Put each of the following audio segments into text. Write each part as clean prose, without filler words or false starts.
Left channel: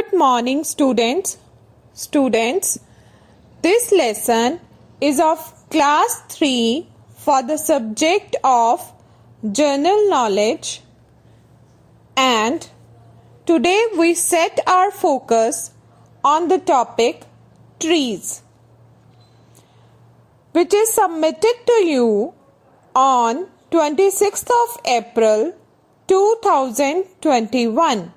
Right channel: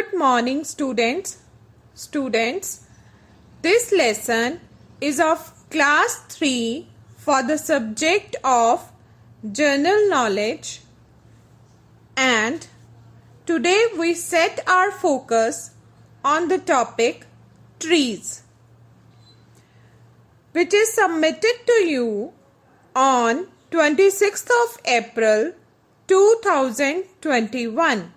Good morning, students. This lesson is of class 3 for the subject of general knowledge, and today we set our focus on the topic trees, which is submitted to you on 26th of April 2021.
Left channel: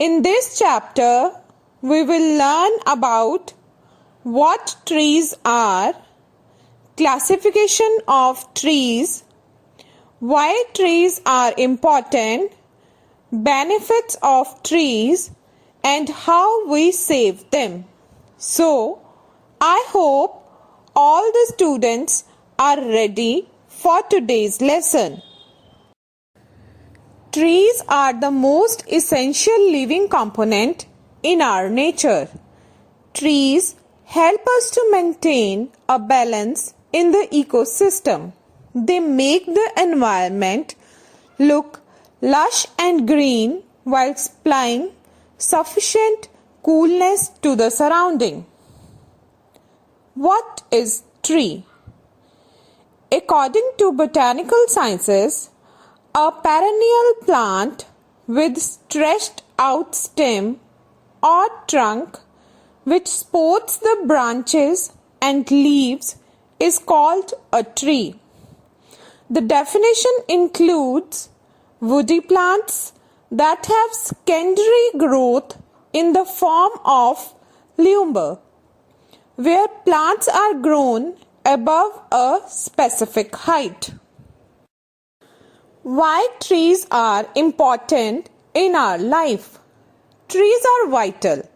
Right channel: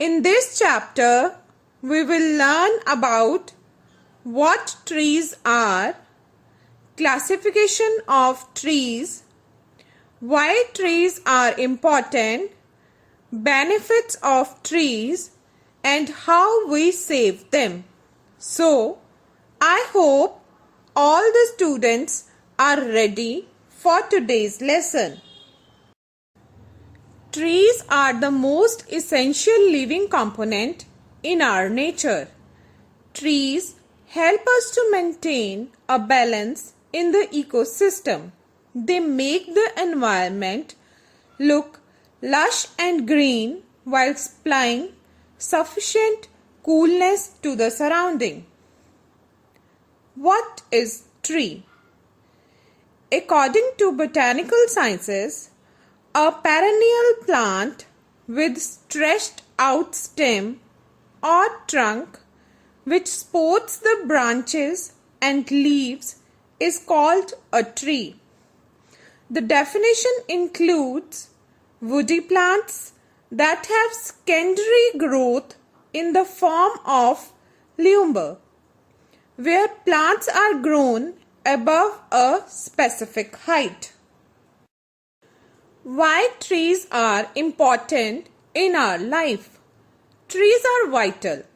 In this chapter, we will learn about what trees are, classification of trees, why trees are important, benefits of trees, and how we save them. So, I hope all the students are ready for today's lesson. Trees are the most essential living component in our nature. Trees help us to maintain a balance in the ecosystem. They make the environment look lush and green while supplying sufficient coolness to the surrounding. What is tree? According to botanical sciences, a perennial plant with stretched out stem or trunk which supports the branches and leaves is called a tree. The definition includes woody plants that have secondary growth in the form of lumber, where plants are grown above a specific height. Why trees are important in our life? Trees are vital.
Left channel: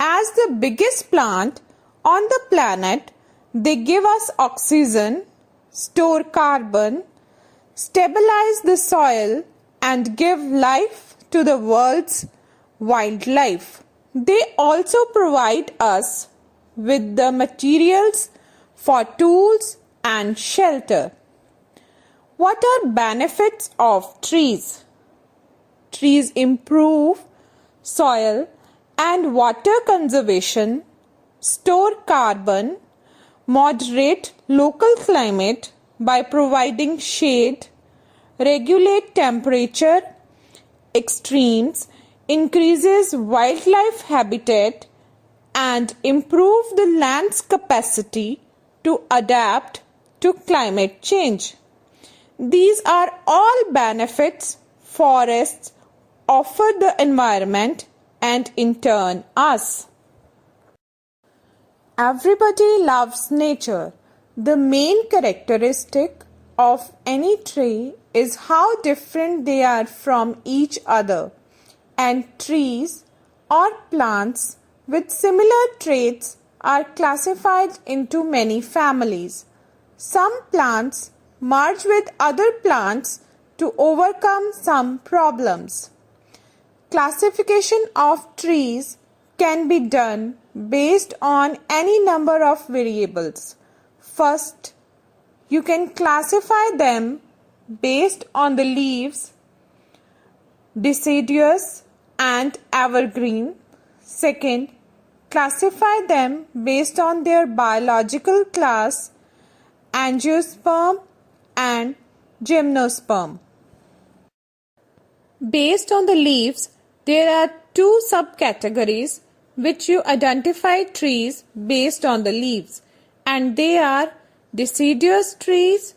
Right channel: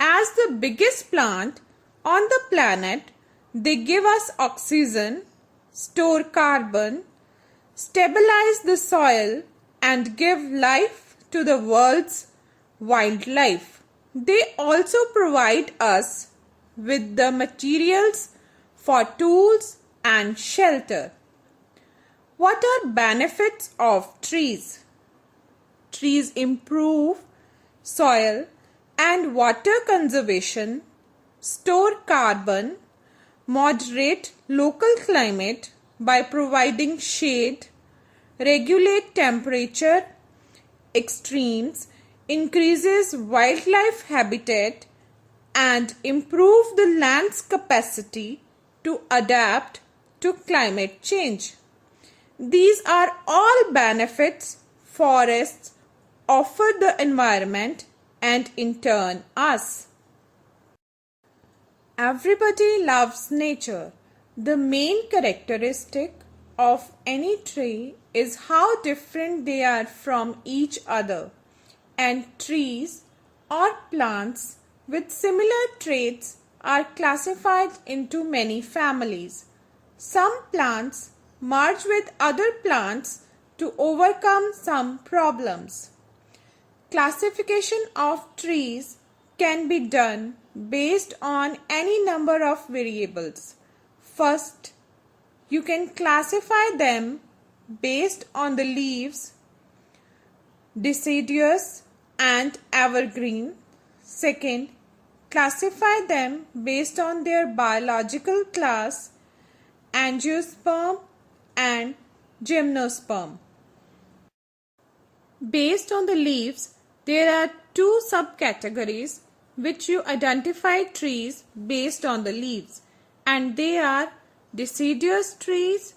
As the biggest plant on the planet, they give us oxygen, store carbon, stabilize the soil, and give life to the world's wildlife. They also provide us with the materials for tools and shelter. What are benefits of trees? Trees improve soil and water conservation, store carbon, moderate local climate by providing shade, regulate temperature extremes, increases wildlife habitat, and improve the land's capacity to adapt to climate change. These are all benefits forests offer the environment and in turn us. Everybody loves nature. The main characteristic of any tree is how different they are from each other, and trees or plants with similar traits are classified into many families. Some plants merge with other plants to overcome some problems. Classification of trees can be done based on any number of variables. First, you can classify them based on the leaves, deciduous and evergreen. Second, classify them based on their biological class, Angiosperm and Gymnosperm. Based on the leaves, there are two subcategories which you identify trees based on the leaves, and they are deciduous trees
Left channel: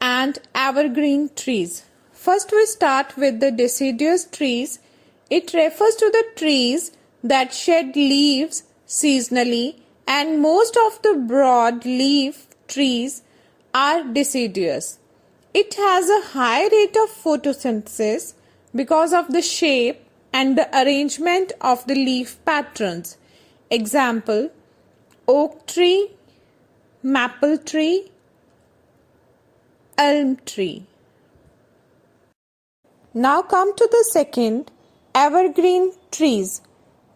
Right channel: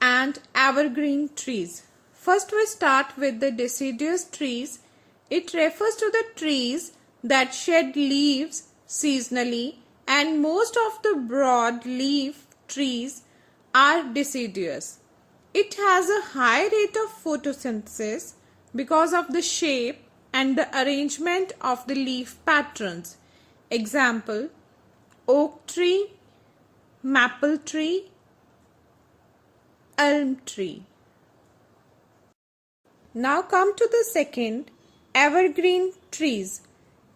and evergreen trees. First, we start with the deciduous trees. It refers to the trees that shed leaves seasonally, and most of the broad-leaf trees are deciduous. It has a high rate of photosynthesis because of the shape and the arrangement of the leaf patterns. Example: oak tree, maple tree, elm tree. Now come to the second, evergreen trees.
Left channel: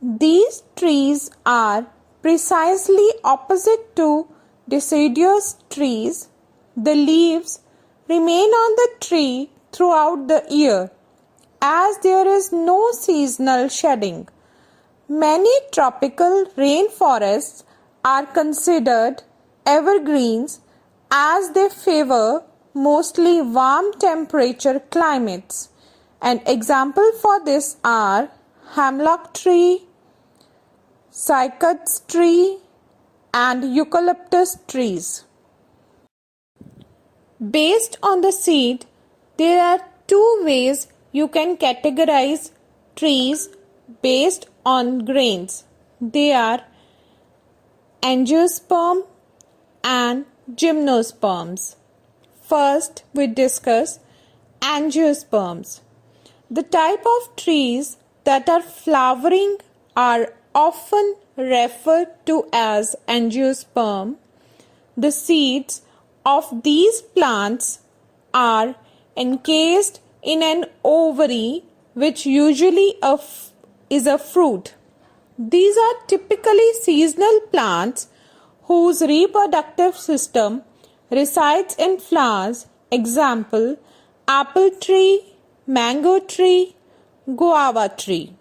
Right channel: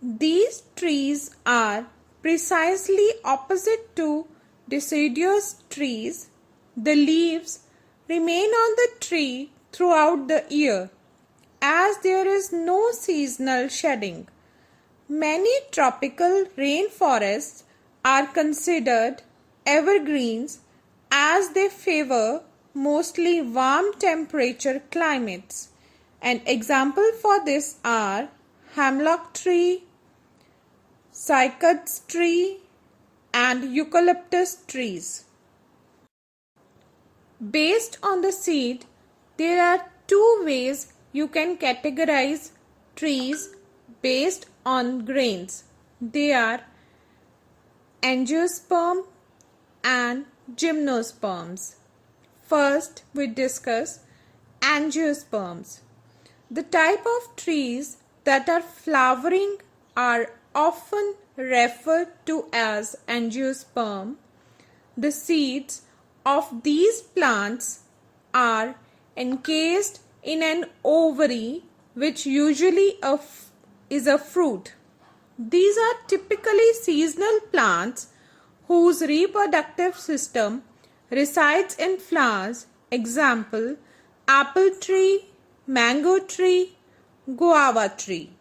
These trees are precisely opposite to deciduous trees. The leaves remain on the tree throughout the year, as there is no seasonal shedding. Many tropical rainforests are considered evergreens as they favor mostly warm temperature climates. An example for this are Hemlock tree, Cycad's tree and Eucalyptus trees. Based on the seed, there are two ways you can categorize trees based on grains. They are Angiosperm and Gymnosperms. First, we discuss Angiosperms. The type of trees that are flowering are often referred to as angiosperm. The seeds of these plants are encased in an ovary which usually is a fruit. These are typically seasonal plants whose reproductive system resides in flowers. Example, apple tree, mango tree, guava tree.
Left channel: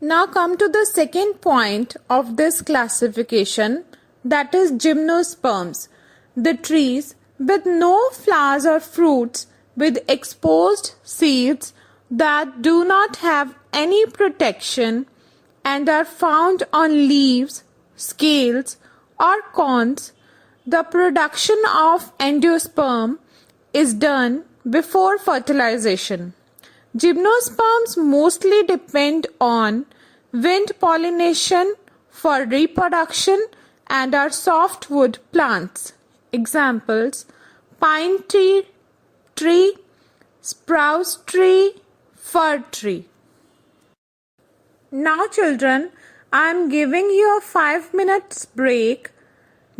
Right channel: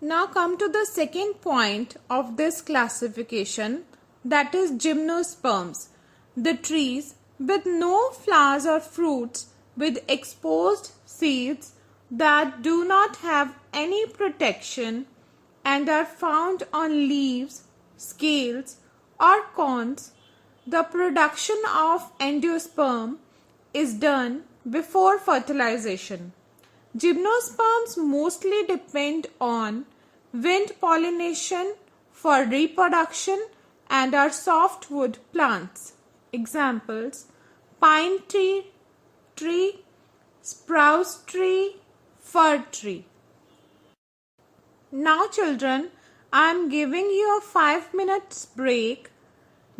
Now come to the second point of this classification, that is gymnosperms, the trees with no flowers or fruits with exposed seeds that do not have any protection and are found on leaves, scales or cones. The production of endosperm is done before fertilization. Gymnosperms mostly depend on wind pollination for reproduction and are softwood plants. Examples: pine tree, spruce tree, fir tree. Now children, I am giving you a 5 minutes break.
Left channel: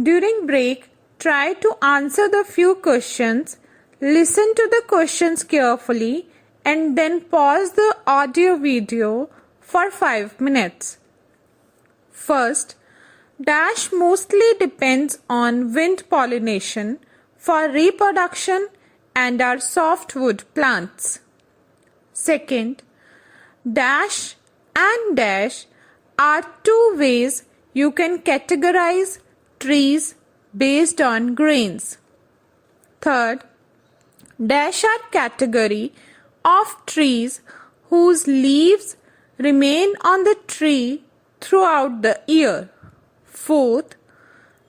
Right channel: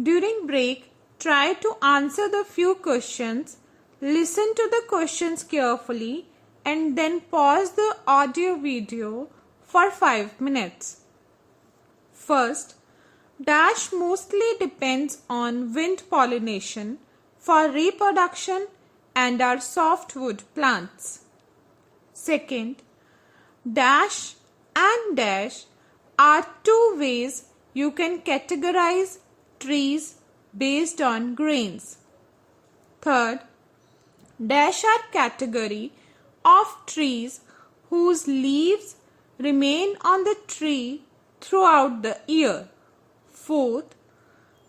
During break, try to answer the few questions, listen to the questions carefully and then pause the audio video for 5 minutes. First, dash mostly depends on wind pollination for reproduction and are softwood plants. Second, dash and dash are two ways you can categorize trees based on grains. Third, dash are category of trees whose leaves remain on the tree throughout the year. Fourth,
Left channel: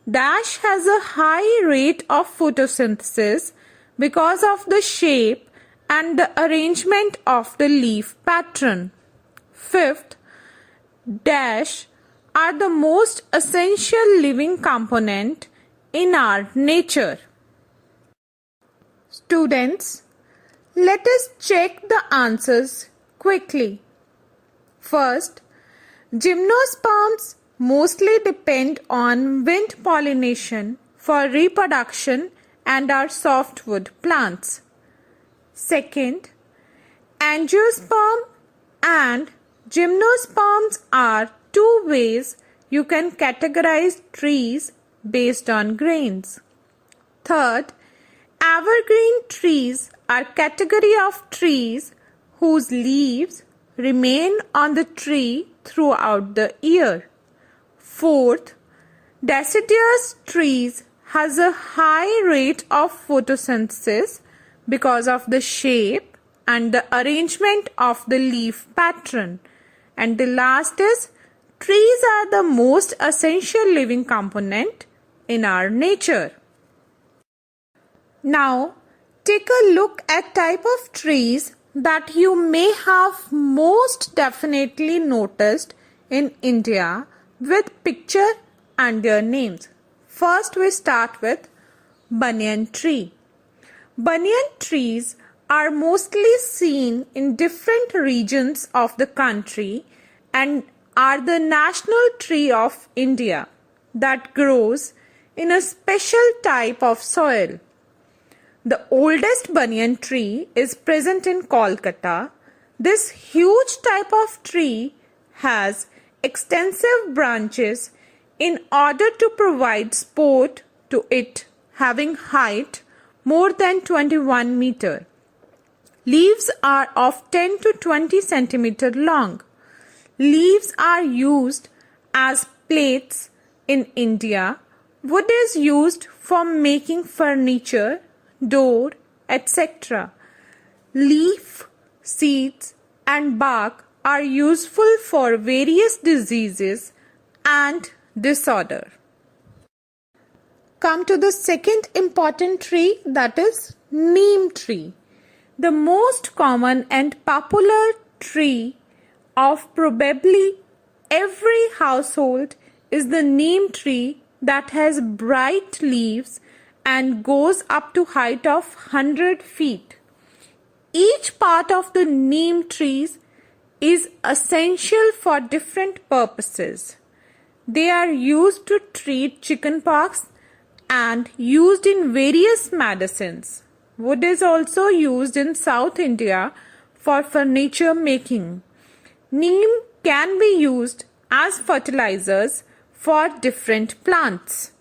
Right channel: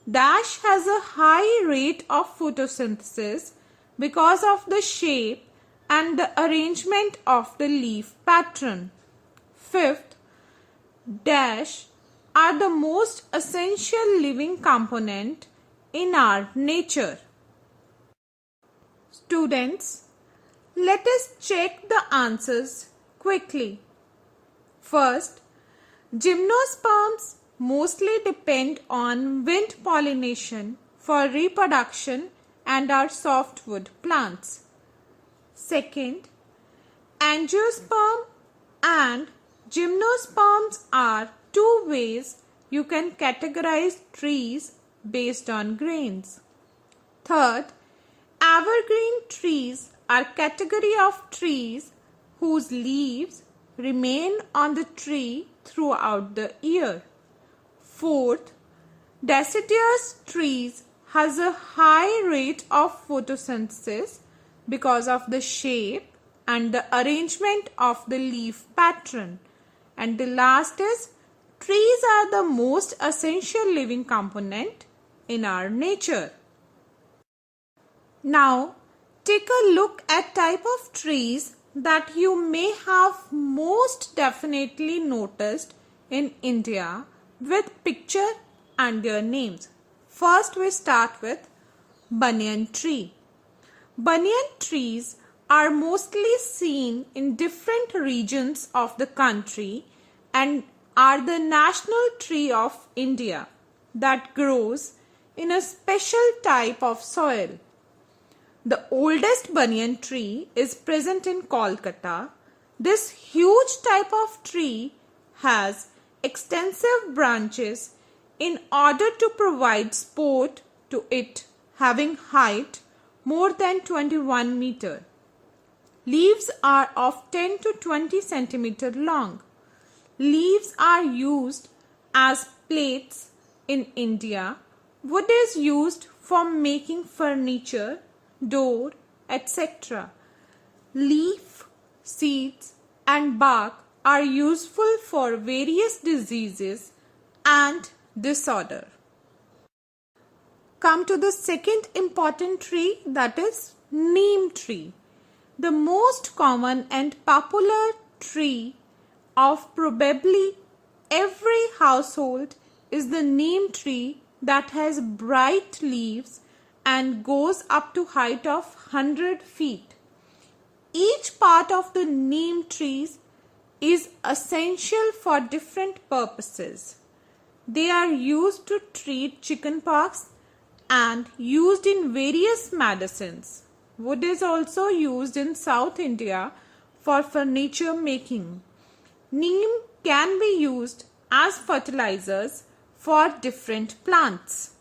dash has a high rate of photosynthesis because of the shape and the arrangement of the leaf pattern. Fifth, dash are the most essential living component in our nature. Students, let us check the answers quickly. First, gymnosperms mostly depend on wind pollination for reproduction and are softwood plants. Second, angiosperm and gymnosperms are two ways you can categorize trees based on grains. Third, evergreen trees are category of trees whose leaves remain on the tree throughout the year. Fourth, deciduous trees has a high rate of photosynthesis because of the shape and the arrangement of the leaf pattern. And the last is, trees are the most essential living component in our nature. Now, take a look at type of trees that you may have most definitely noticed in India with picture and their names. First, we start with banyan tree. Banyan trees are mostly seen in different regions of the country and are the national tree of India that grows in a special type of soil. The oldest banyan tree is present in Kolkata. This huge type of tree has extensive branches in order to provide support to it, having height more than 21 meter. Leaves are of 10 to 20 centimeter long. Leaves are used as plates in India. Wood is used for making furniture, door, etc. Leaf, seeds, and bark are useful for various diseases and disorder. Come to the second important tree, that is Neem tree. The most common and popular tree of probably every household is the neem tree that has bright leaves and goes up to height of 100 feet. Each part of the neem trees is essential for different purposes. They are used to treat chicken pox and used in various medicines. Wood is also used in South India for furniture making. Neem can be used as fertilizers for different plants.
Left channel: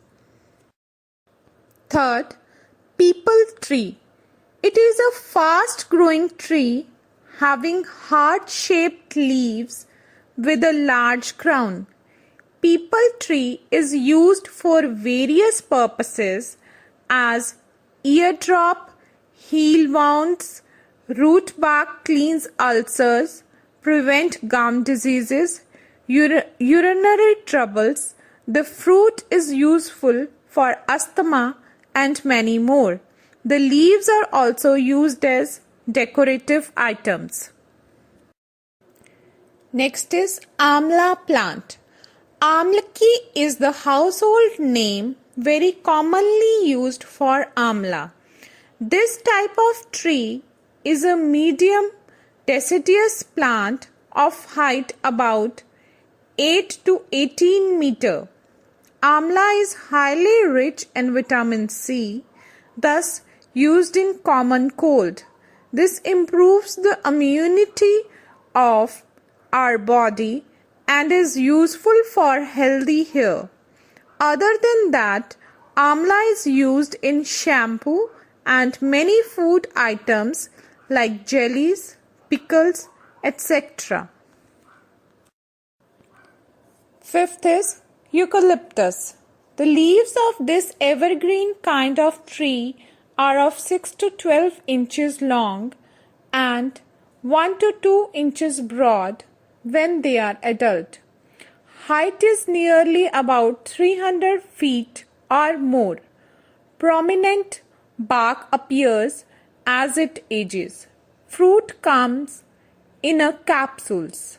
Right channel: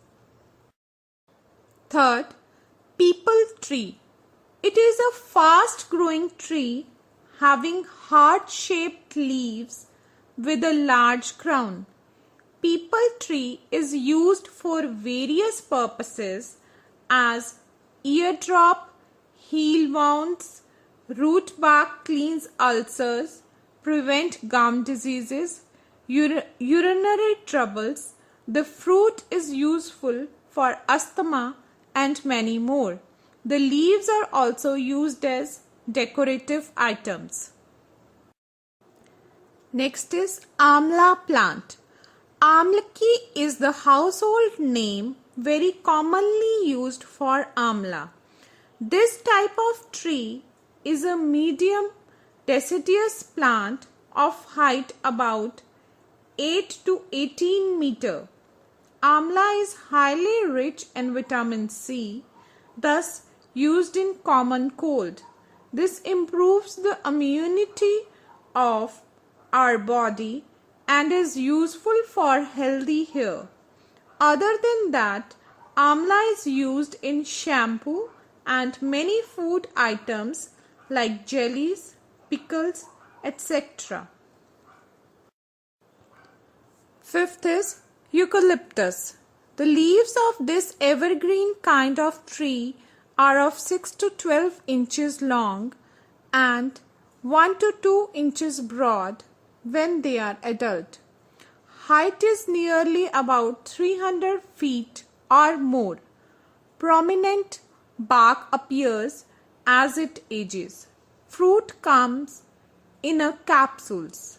Third, Peepal Tree. It is a fast-growing tree having heart-shaped leaves with a large crown. Peepal tree is used for various purposes as eardrop, heel wounds, root bark cleans ulcers, prevent gum diseases, urinary troubles. The fruit is useful for asthma and many more. The leaves are also used as decorative items. Next is Amla plant. Amlaki is the household name very commonly used for amla. This type of tree is a medium deciduous plant of height about 8 to 18 meter. Amla is highly rich in vitamin C, thus used in common cold. This improves the immunity of our body and is useful for healthy hair. Other than that, amla is used in shampoo and many food items like jellies, pickles, etc. Fifth is Eucalyptus. The leaves of this evergreen kind of tree are of 6 to 12 inches long and 1 to 2 inches broad when they are adult. Height is nearly about 300 feet or more. Prominent bark appears as it ages. Fruit comes in a capsules.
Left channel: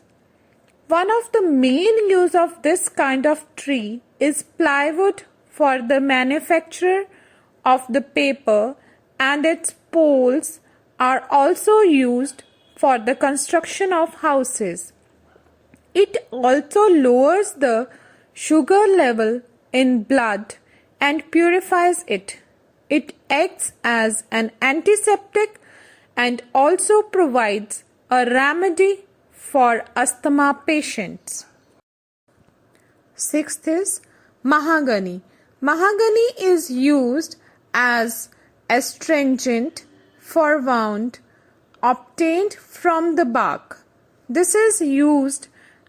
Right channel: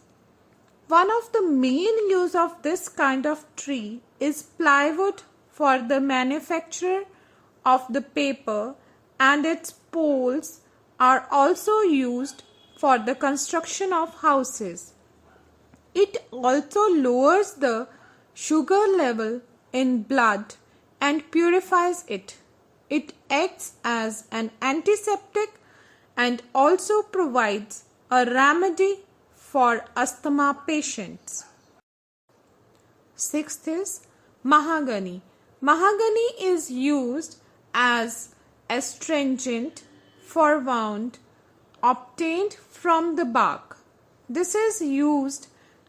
One of the main use of this kind of tree is plywood for the manufacture of the paper, and its poles are also used for the construction of houses. It also lowers the sugar level in blood and purifies it. It acts as an antiseptic and also provides a remedy for asthma patients. Sixth is mahogany. Mahogany is used as astringent for wound obtained from the bark. This is used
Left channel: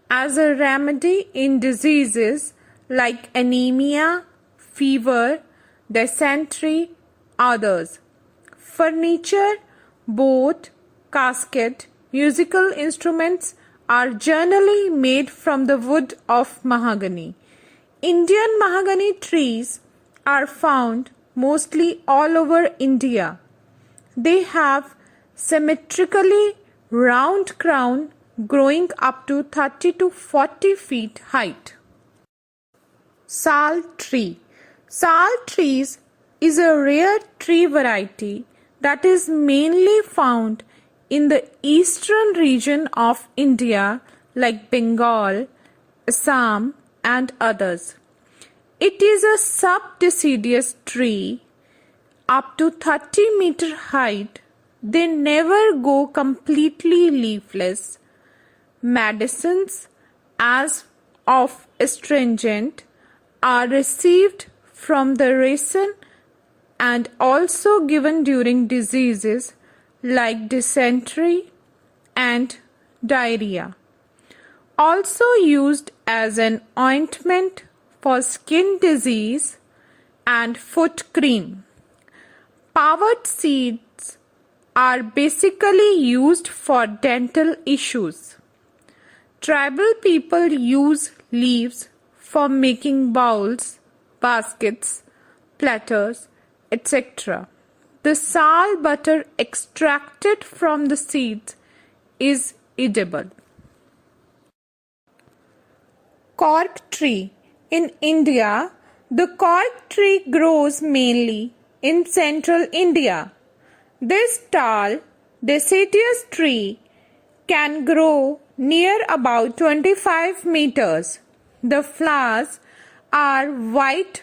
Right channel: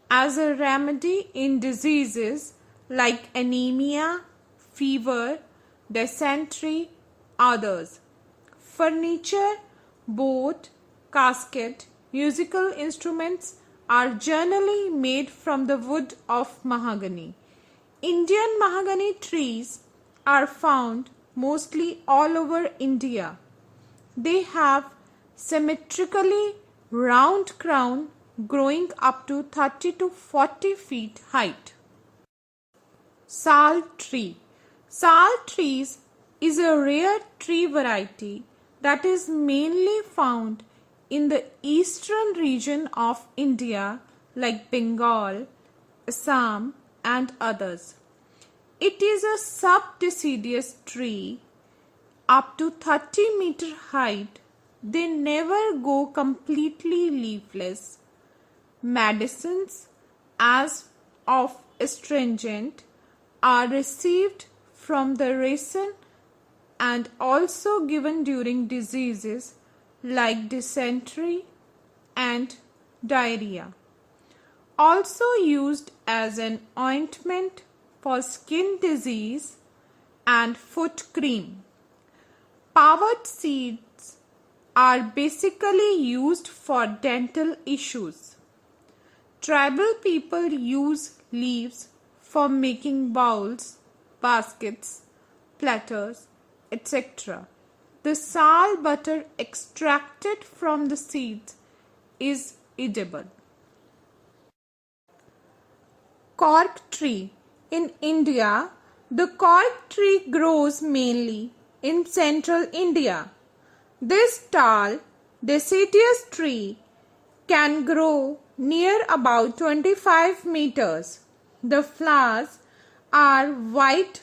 as a remedy in diseases like anemia, fever, dysentery, others. Furniture, boat, casket, musical instruments are generally made from the wood of mahogany. Indian mahogany trees are found mostly all over India. They have symmetrically round crown growing up to 30 to 40 feet height. Sal tree. Sal trees is a rare tree variety that is mainly found in the eastern region of India like Bengal, Assam and others. It is a subdeciduous tree up to 30 meter height. They never go completely leafless. Medicines as of astringent are received from the resin and also given during diseases like dysentery and diarrhea. Also used as an ointment for skin disease and foot cream. Powered seeds are basically used for dental issues. Tribal people use leaves for making bowls, baskets, platters, etc. The sal butter extracted from the seeds is edible. Cork tree. In India, the cork tree grows mainly in central India. This tall, deciduous tree can grow near about 25 meters. The flowers are white,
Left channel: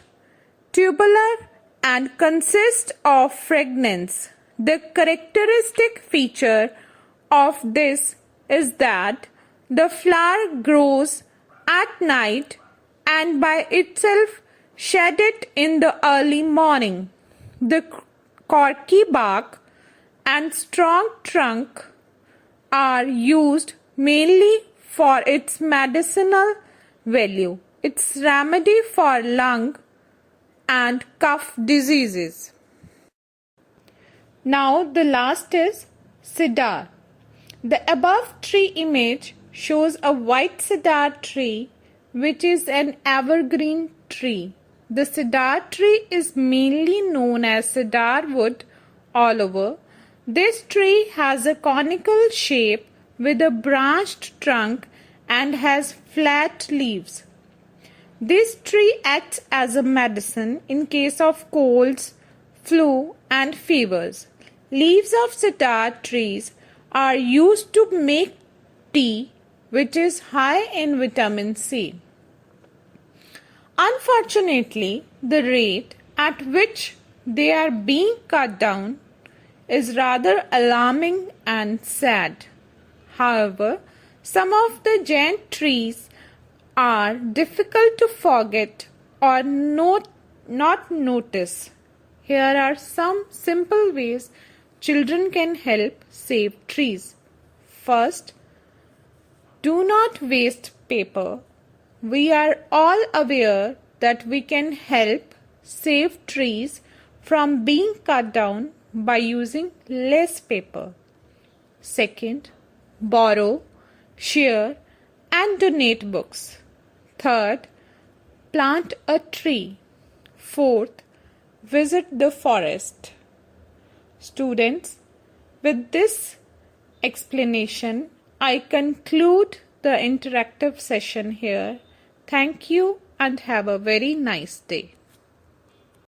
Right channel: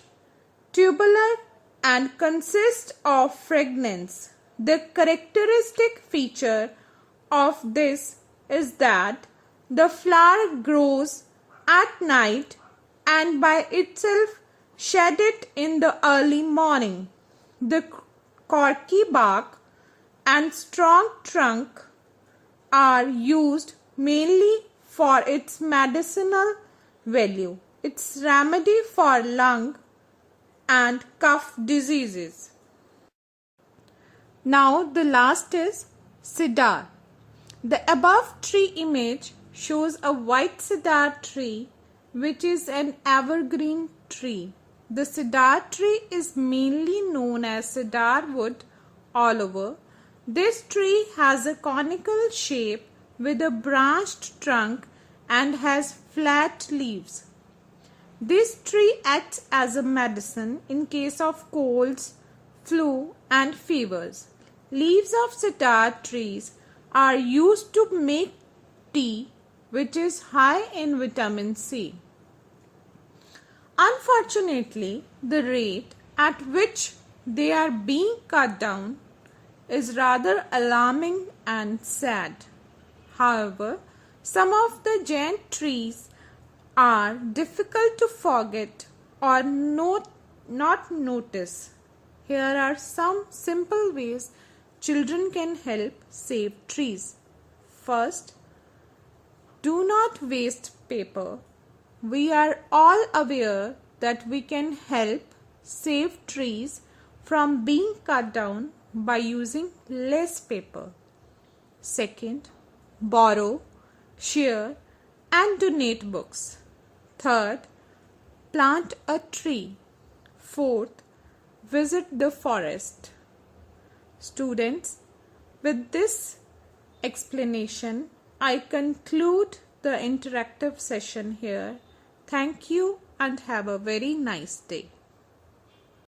tubular, and consist of fragrance. The characteristic feature of this is that the flower grows at night and by itself shed it in the early morning. The corky bark and strong trunk are used mainly for its medicinal value. It's remedy for lung and cough diseases. Now the last is cedar. The above tree image shows a white cedar tree which is an evergreen tree. The cedar tree is mainly known as cedar wood all over. This tree has a conical shape with a branched trunk and has flat leaves. This tree acts as a medicine in case of colds, flu, and fevers. Leaves of cedar trees are used to make tea, which is high in vitamin C. Unfortunately, the rate at which they are being cut down is rather alarming and sad. However, some of the giant trees are difficult to forget or not notice. Here are some simple ways children can help save trees. First, do not waste paper. We are all aware that we can help save trees from being cut down by using less paper. Second, borrow, share, and donate books. Third, plant a tree. Fourth, visit the forest. Students, with this explanation, I conclude the interactive session here. Thank you and have a very nice day.